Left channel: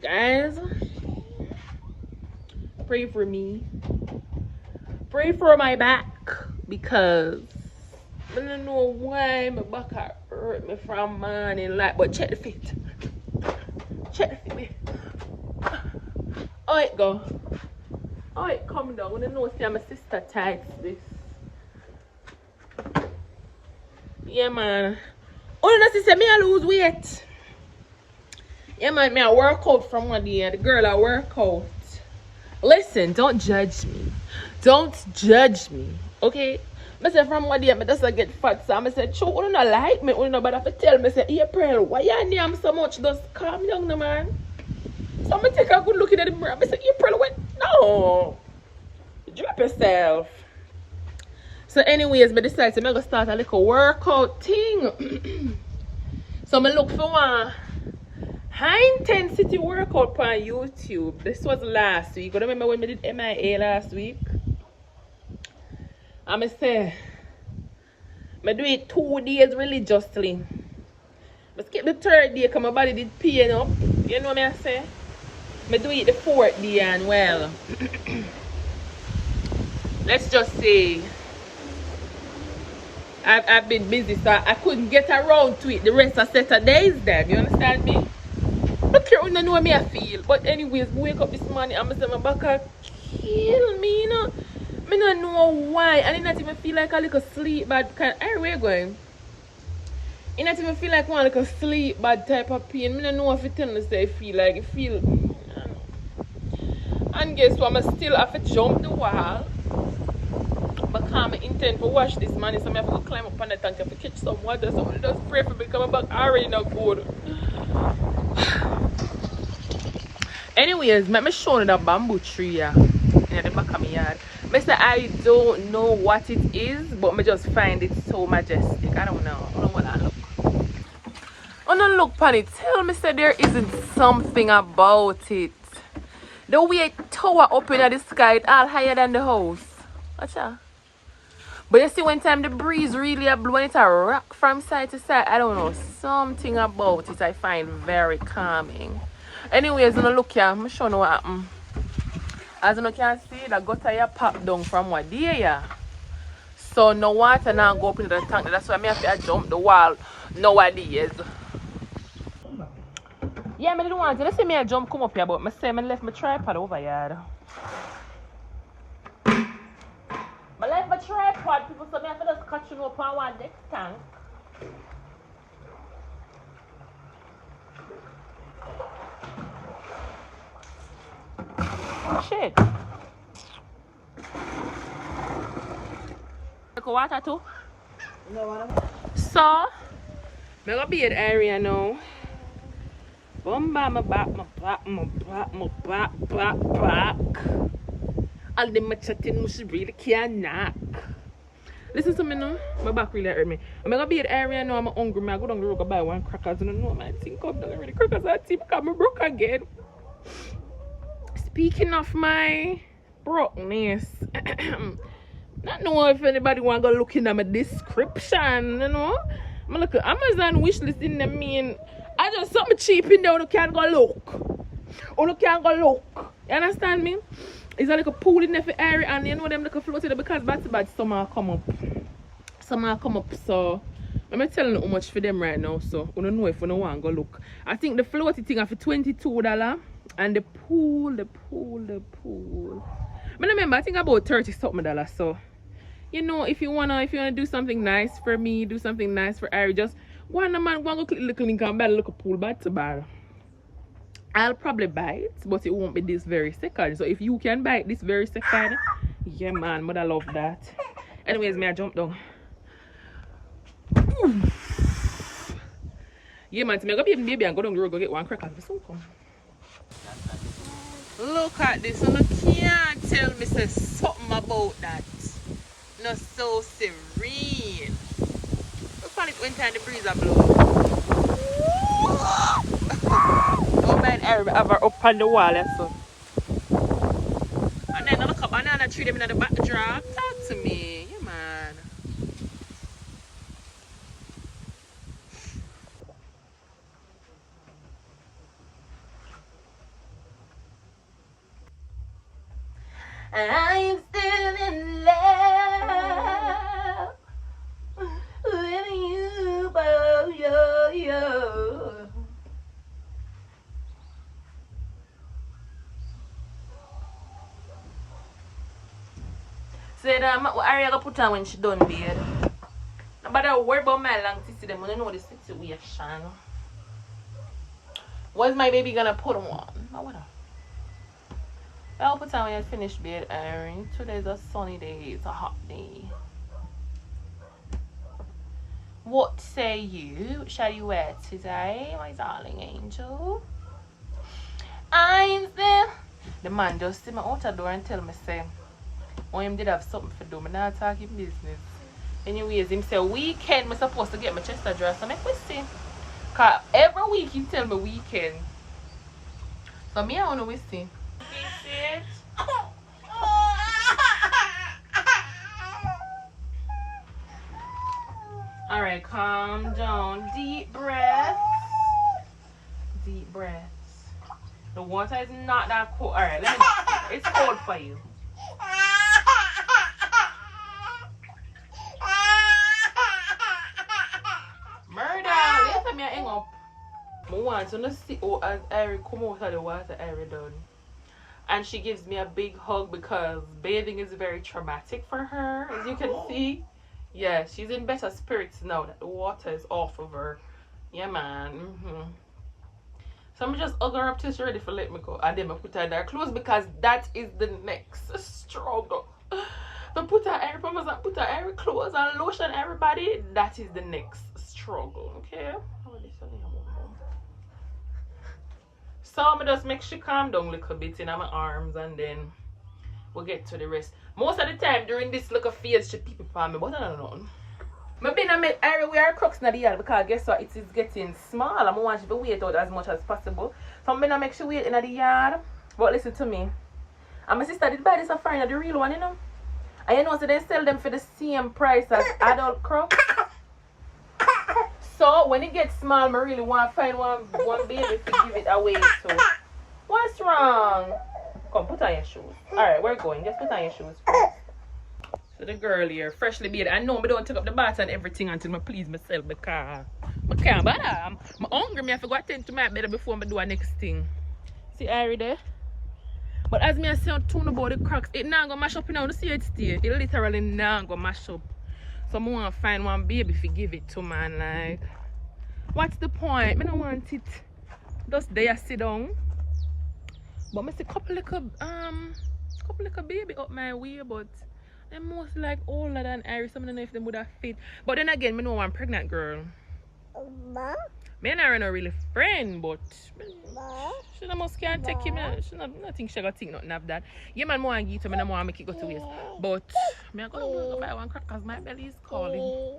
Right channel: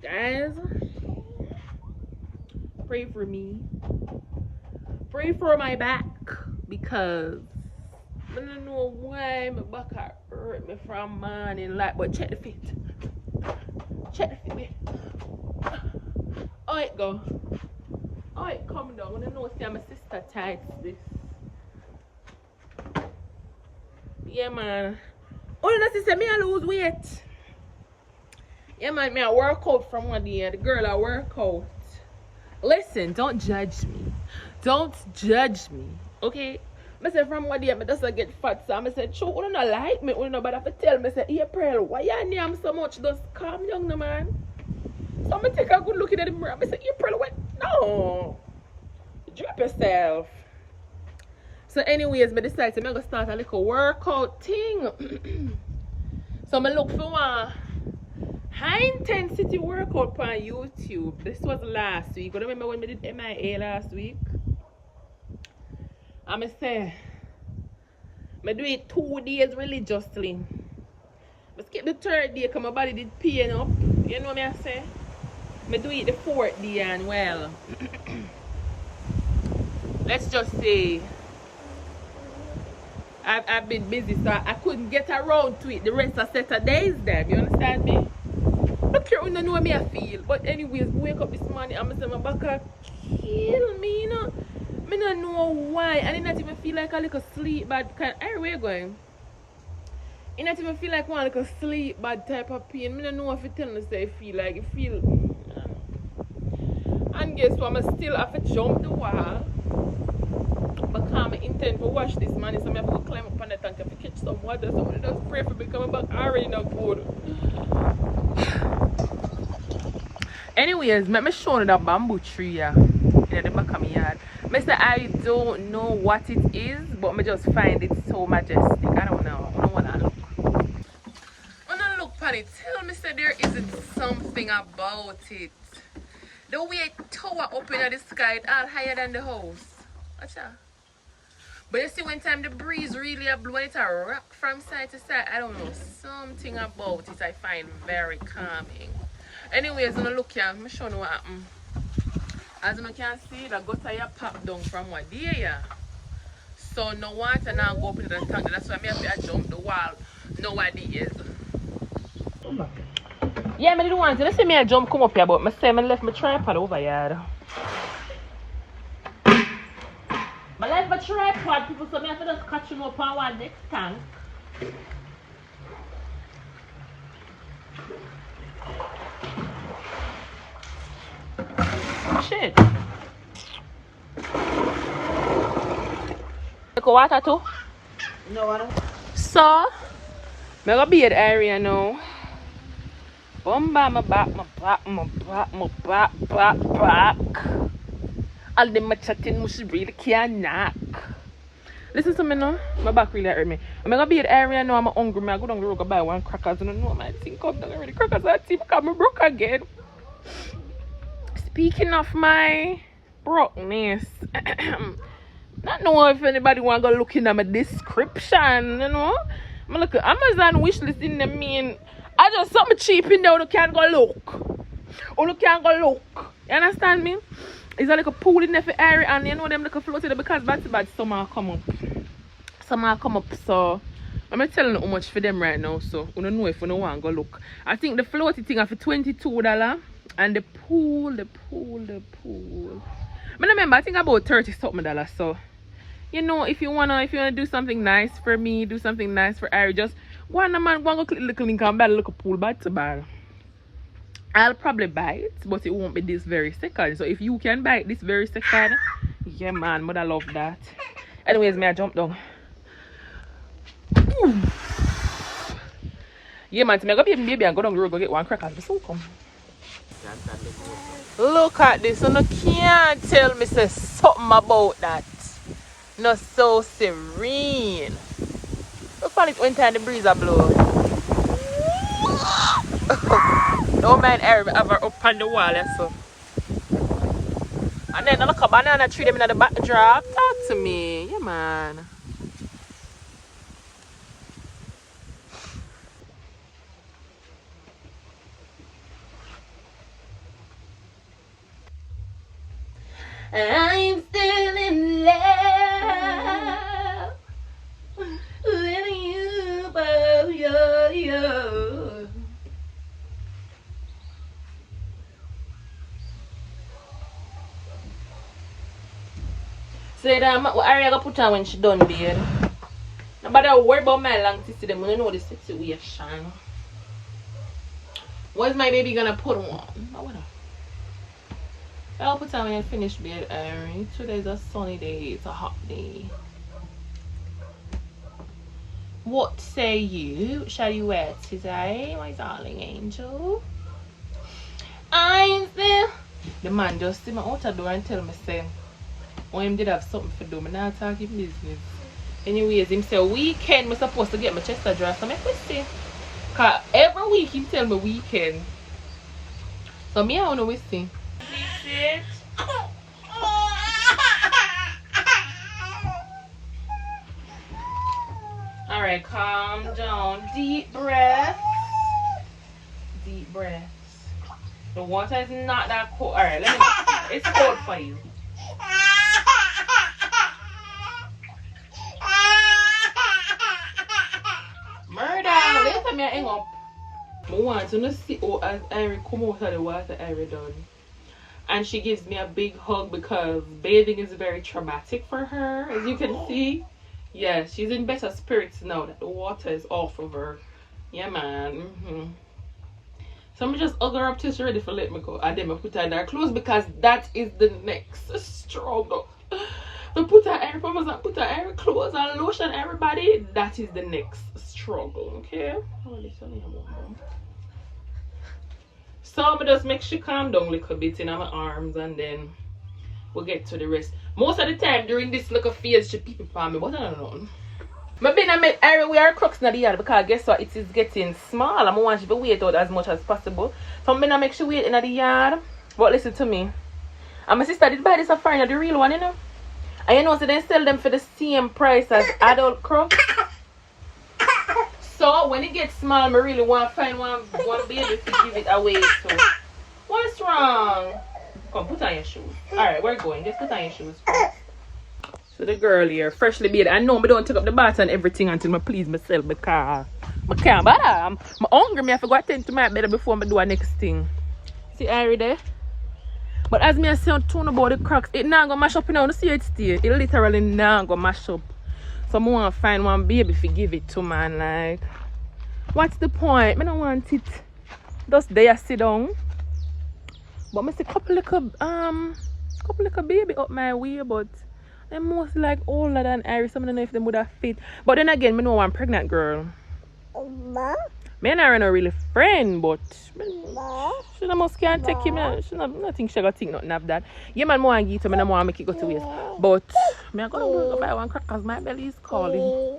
Guys, pray for me. Pray for my back because I don't know why my back hurt me from morning like, but check the fit. Check the fit. Oh it go. Oh it come down. I don't know see my sister tights this. Yeah man. Oh no sister me I lose weight. Yeah man, me I work out from one day and the girl I work out. Listen, don't judge me. Don't judge me. Okay? I said from one day I just get fat, so I said, "True, you don't like me, you know, but if you tell me, say, April, why you name so much? Just calm down, no man." So I take a good look at the mirror. I say, "April, what? No. Drop yourself." So anyways, I decided to go start a little workout thing. So I look for one high intensity workout on YouTube. This was last week. I remember when we did MIA last week. I'm going to say, I do it 2 days religiously. I skip the 3rd day because my body did pain up. You know what I say? I do it the 4th day and well, let's just say, I've been busy so I couldn't get around to it the rest of Saturdays then. You understand me? Look here, you don't know how I feel. But anyways, wake up this morning and I say my back kill me, you know. I don't know why. And I not even feel like a little sleep bad. Where you going? I not even feel like one little sleep bad type of pain. I don't know if it tell me say I feel like it feel. I don't know. And guess what? I still have to jump the wall. Because I intend to wash this money, so I have to go climb up on the tank to catch some water. So I just pray for me because my back already not good. Anyways, let me show you the bamboo tree here in the back of my yard. I say I don't know what it is, but I just find it so majestic. I don't know. I don't want to look. I don't look upon it. Tell me say there isn't something about it. The way it tower up in the sky, it's all higher than the house. Watch out. But you see when time the breeze really blew and it's a rock from side to side, I don't know. Something about it I find very calming. Anyways, I'm look here, I'm showing you what happened. As you can see, the gutter here popped down from what day here. So no water now go up into the tank. That's why I have to jump the wall nowadays. Yeah, I didn't want to. Let's say me I jump come up here, but I say I left my tripod over here. I left my tripod, people, so I have to just catch you up on one next tank. Shit. Take a water too? No, I don't. So, I'm going to be at the area now. Bumba, my back. All the chatting must really can't knock. Listen to me now. My back really hurt me. I'm going to be at the area now. I'm hungry. I go down the road and buy one crackers. And I know my thing come down already. Crackers are cheap because I'm broke again. Speaking of my brokenness, not know if anybody want to go look in at my description, you know. I'm look at Amazon wish list in the mean. I just something cheap in there, you can't go look. Or you can't go look. You understand me? It's like a pool in the area and you know them like a float in there because bad summer come up. Summer come up, so I'm telling you how much for them right now, so you don't know if you don't want to go look. I think the floaty thing are for $22 and the pool. I remember I think about $30-something, so you know if you wanna do something nice for me, do something nice for Ari, just go on go click the little link and buy a little pool bad to buy. I'll probably buy it, but it won't be this very second. So if you can buy it this very second, yeah man, but I love that. Anyways, may I jump down. Yeah man, I'm gonna be and go down the road go get one cracker. So come. Look at this, and you can't tell me say something about that. No, so serene. Look at it when time the breeze a blow. Don't mind air ever up on the wall, so. And then look a banana tree them in the backdrop. Talk to me, yeah man. I'm still in love with you, boy, yo. Say that what Ari gonna put on when she done beard. Nobody worry about my long tissy, them when you know the situation. What's my baby gonna put on? I wanna. I'll put on when you finish beard, Ari. Today's a sunny day, it's a hot day. What say you? Shall you wear today, my darling angel? I'm still. The man just see me out the door and tell me, say, oh, him did have something for do. Me not talking business. Anyways, him say, weekend, me supposed to get my chest dress. So make me see. Because every week, he tell me weekend. So me, I don't know we see. It. Alright, calm down. Deep breath. Deep breaths. The water is not that cold. Alright, let me know. It's cold for you. Murder! Later me hang up. I want to see as Irie come out of the water, Irie done. And she gives me a big hug because bathing is very traumatic for her, as you can see. Yeah, she's in better spirits now that the water is off of her. Yeah, man. So I'm just hug her up till she's ready for let me go. And then I put her in her clothes because that is the next struggle. I put her air pampers and put her air clothes and lotion everybody. That is the next struggle, okay? So I'm just make she calm down a little bit in my arms and then we'll get to the rest. Most of the time during this little phase, she people for me, but I don't know. Maybe I make Ari wear crooks in the yard because guess what? It is getting small. I'm want she to wait out as much as possible. So I'm gonna make she wait in the yard. But listen to me. And my sister did buy this a foreigner, the real one, you know. And you know, so they sell them for the same price as adult crooks. So when it gets small, I really want to find one baby to give it away to. What's wrong? Come, put on your shoes. Alright, we're going. Just put on your shoes first. So the girl here, freshly bathed. I know I don't take up the bath and everything until I please myself because I can't bother. I'm hungry. I have to go attend to my bed before I do the next thing. See Ari there? But as me I say on tune about the cracks, it not gonna mash up, you know, see it stay. It literally not gonna mash up. So I want to find one baby to give it to, man. Like, what's the point? I don't want it just there sit down. But I see couple little baby up my way, but they're most like older than Iris. I don't know if they would have fit. But then again, I know I'm pregnant girl. Me and Iris are not really friend, but she must can't take him. She not think she got think nothing of that. Yeah, man, more and give to me, more make it go to waste. But me I gonna go buy one crack because my belly is calling.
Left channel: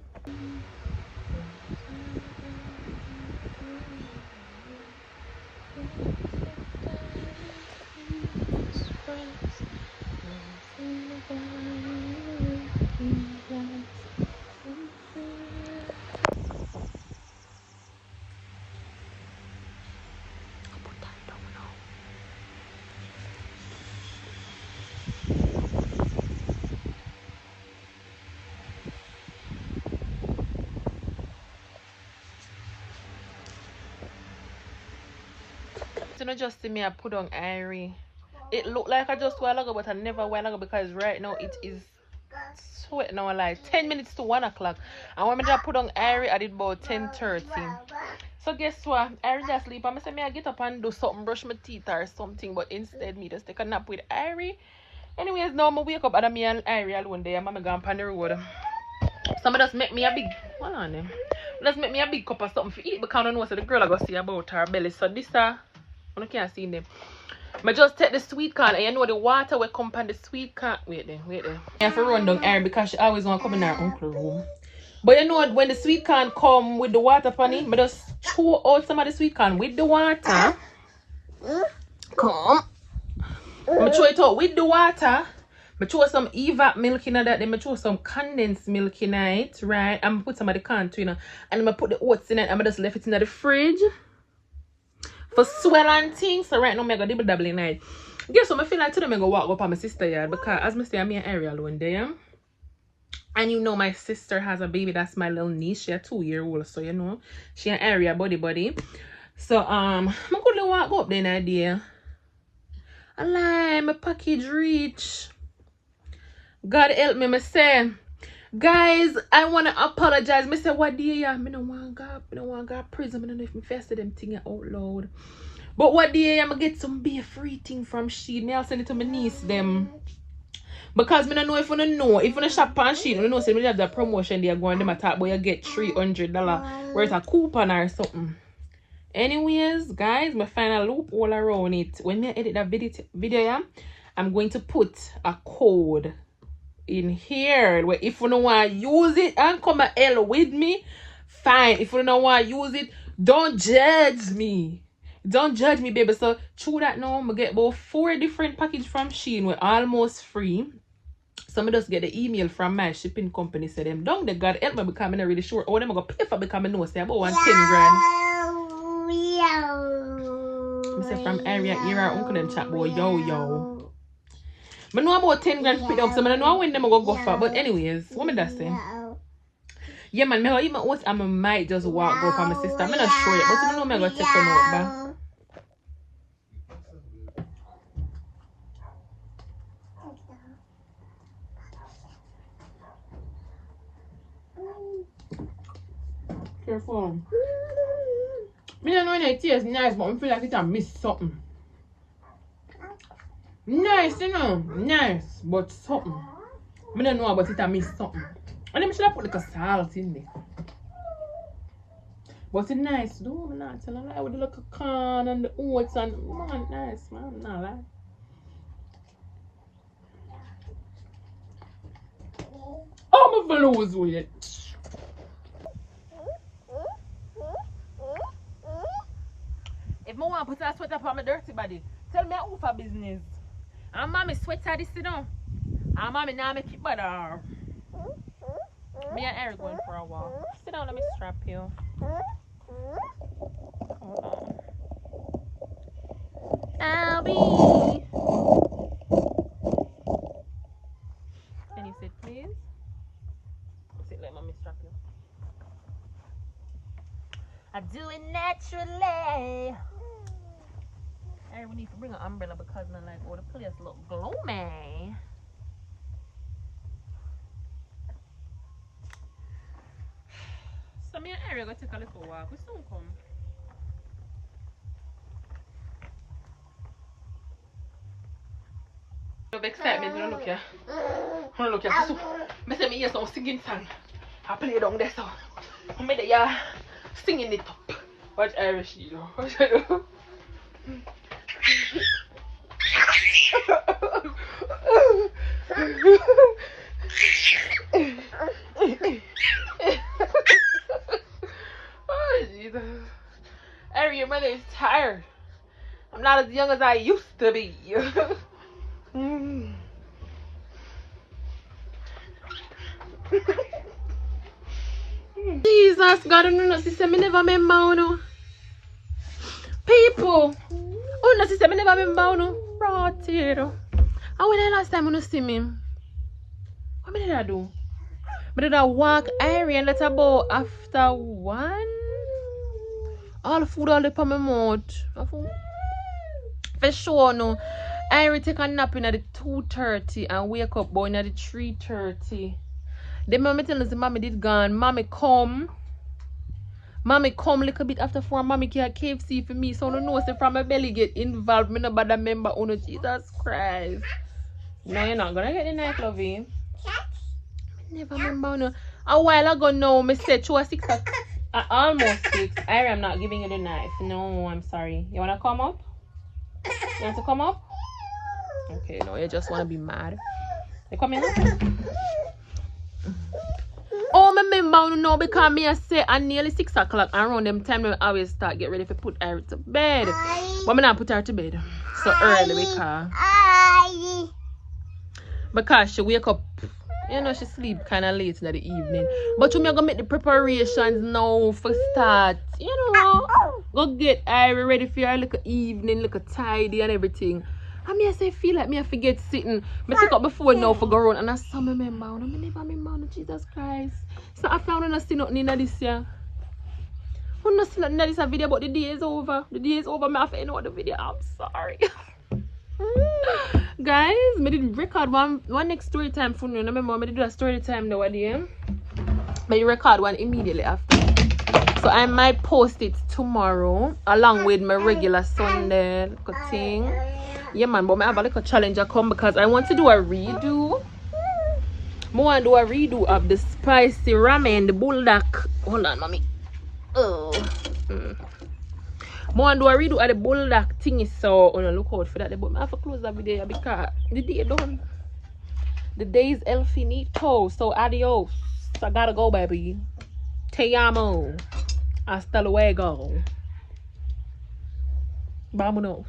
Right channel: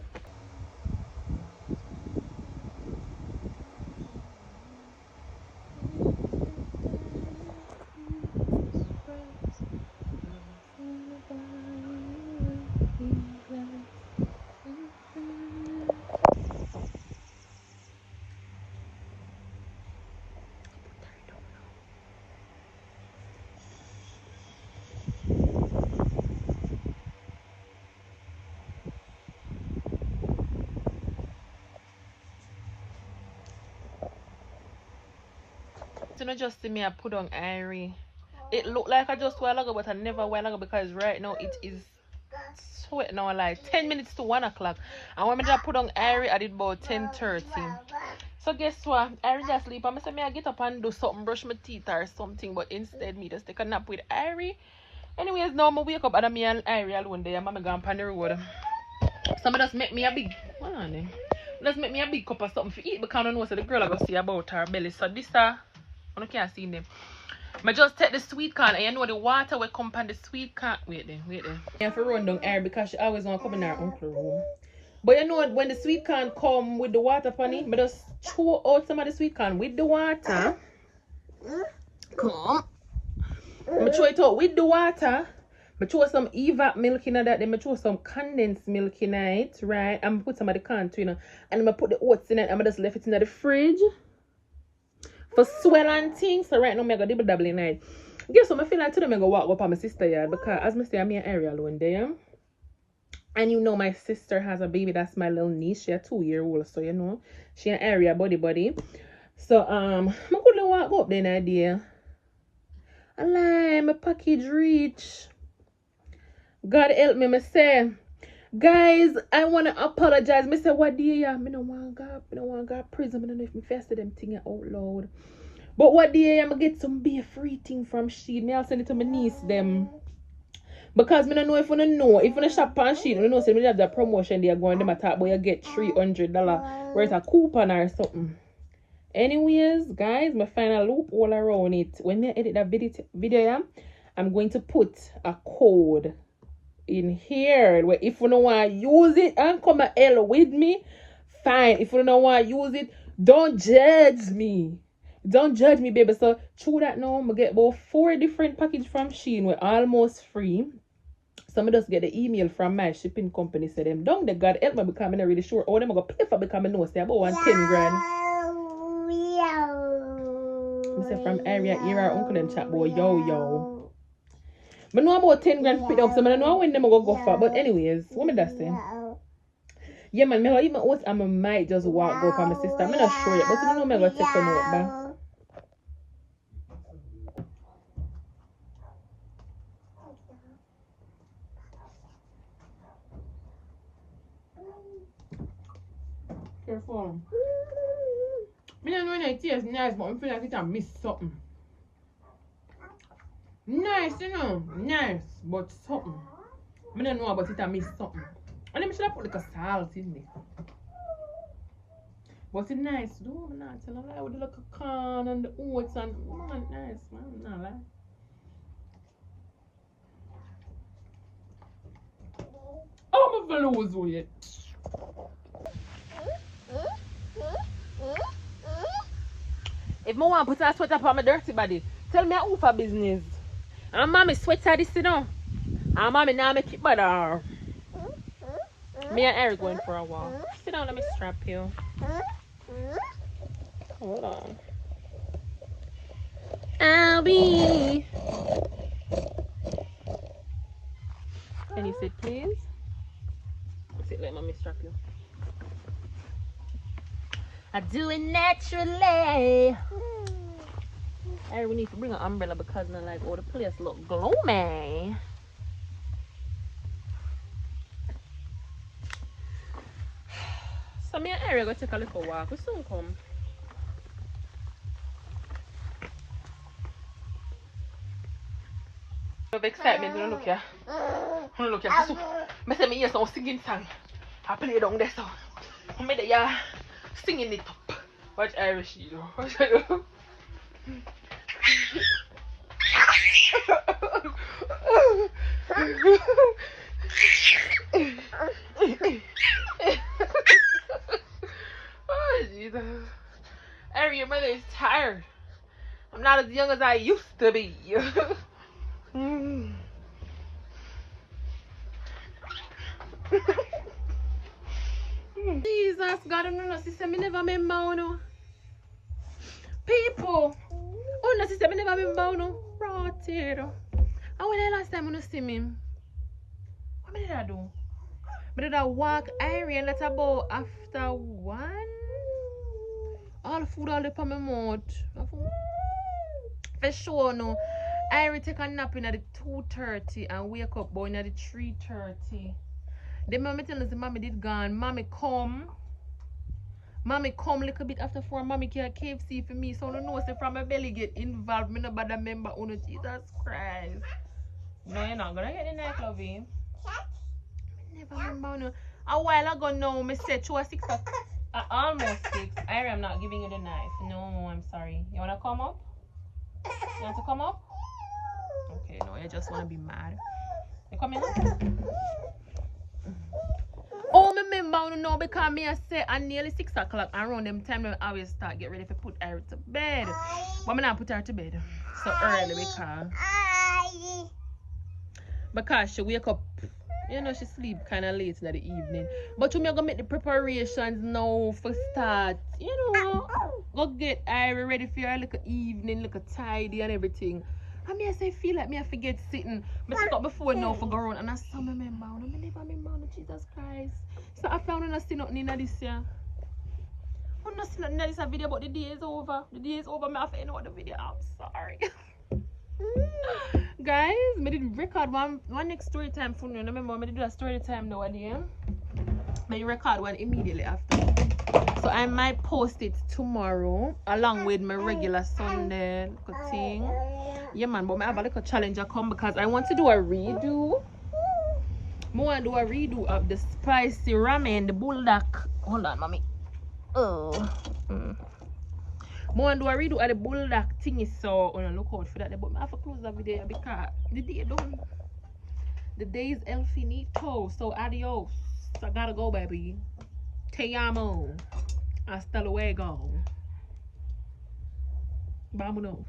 You know, just see me I put on Irie. It looked like I just while ago, but I never while ago because right now it is sweat now like 10 minutes to 1 o'clock. And when I put on Irie, I did about 10:30. So guess what? Irie just sleep. I say me I get up and do something, brush my teeth or something, but instead me just take a nap with Irie. Anyways, now I wake up and me and Irie alone there. I'm going on the road. So I just make me a big Just make me a big cup of something to eat because I don't know what the girl I go see about her belly. So this I can't see them. I just take the sweet corn and you know the water will come from the sweet corn. Wait there. I have to run down Erin because she always want to come in her uncle's room. But you know when the sweet corn come with the water from it, I just throw out some of the sweet corn with the water. Come. I throw it out with the water. I throw some evap milk in that, then I throw some condensed milk in it, right? And I put some of the corn too, you know. And then I put the oats in it and I just left it in the fridge. For swell and things, so right now I'm gonna dibble dabble in it. Guess what? I feel like today I'm gonna walk up on my sister yard because as I say, I'm in an area alone there. And you know my sister has a baby, that's my little niece. She a 2-year-old, so you know she an area buddy. So I could walk up then idea. I like my package reach. God help me, me say. Guys, I wanna apologize. Me say what day ya? Me no want go prison. Me don't know if me fested them thing out loud. But what day I'm gonna get some beer free thing from Shein. Me I'll send it to my niece them. Because me don't know if you don't know. If you shop on Shein, you don't know say me have that promotion they are going them attack, but you get $300 worth of coupon or something. Anyways, guys, my final loop all around it. When I edit that video, I'm going to put a code in here where if you don't want to use it and come and L with me, fine. If you don't want to use it, don't judge me. Don't judge me, baby. So through that now, I'm gonna get about 4 different packages from Shein. We're almost free. So I just get the email from my shipping company. Say them down the God help me because I'm not really sure. Oh, them gonna pay for because I know say about 10 grand. I say from area here, our uncle them chat about yo. I know about 10 grand pick up, so I don't know when them go for. But anyways, what me that say? Yeah, man, me even out and I might just walk go for my sister. I'm not sure yet, but I know me gonna take her out back. Careful. I don't know when it tastes nice, but I feel like I missed something. Nice, you know, nice, but something. I don't know about it, I missed something. And then I should have put like a salt in there. But it's nice, though. I'm not telling a lie with the little corn and the oats and man, nice, man. I'm not lying. Oh, my fellow was weird. If I want to put a sweater on my dirty body, tell me who for business. And mommy sweater this, you know. And mommy now make it better. Me and Eric going for a walk. Sit down, let me strap you. Hold on. Albie. Can you sit, please? Sit, let mommy strap you. I do it naturally. Hey, we need to bring an umbrella because I like, oh, the place look gloomy. So me and Ariel go take a little walk. We soon come. Of excitement, you know, look here. Look here. So, I say me hear some singing song. I play it down there, so I made it singing it up. Watch Irish, you know. Watch it. Oh, Jesus. Ari, your mother is tired. I'm not as young as I used to be. Jesus, God, I don't know, sister, me never remember, no. People, oh, no, sister, me never remember, no. Brought here. And when the last time you see me, what did I do? But did I walk Irie and let her go after 1? All the food all up on my mouth. For sure, no. Irie take a nap in at the 2:30 and wake up boy at the 3:30. Then mommy tell us the mommy did gone. Mommy come a little bit after 4. Mommy can't KFC for me. So I don't know say from my belly get involved. Me no bad member. Oh no, Jesus Christ. No, you're not gonna get the knife, lovey. Never remember no. A while ago now, me said 2 or 6 almost 6. Irie, I'm not giving you the knife. No, I'm sorry. You wanna come up? You want to come up? Okay, no, you just wanna be mad. You coming up? Oh, me remember no because me I say at nearly 6 o'clock around them time we always start get ready to put her to bed. But me not put her to bed so early because she wake up, you know, she sleep kind of late in the evening. But you me gonna make the preparations now for start, you know, go get Irie ready for her little evening, little tidy and everything. I mean, I say feel like me I forget sitting. I take up before now for go around and I saw me remember. I never remember Jesus Christ. So I found when I see nothing in this year. When I see nothing in this video, but the day is over. The day is over. I have to end the video. I'm sorry. Guys, I did record one next story time for you. Remember, I did do a story time the other day. But you record one immediately after. So I might post it tomorrow along with my regular Sunday thing. Yeah man, but I have a little challenge I come because I want to do a redo. I want to do a redo of the spicy ramen, the bulldog. Hold on, mommy. Oh. I want to do a redo of the bulldog thingy, so look out for that. But I have to close the video because the day done. The day is el finito. So adios. I gotta go, baby. Te amo. Hasta luego. Vámonos.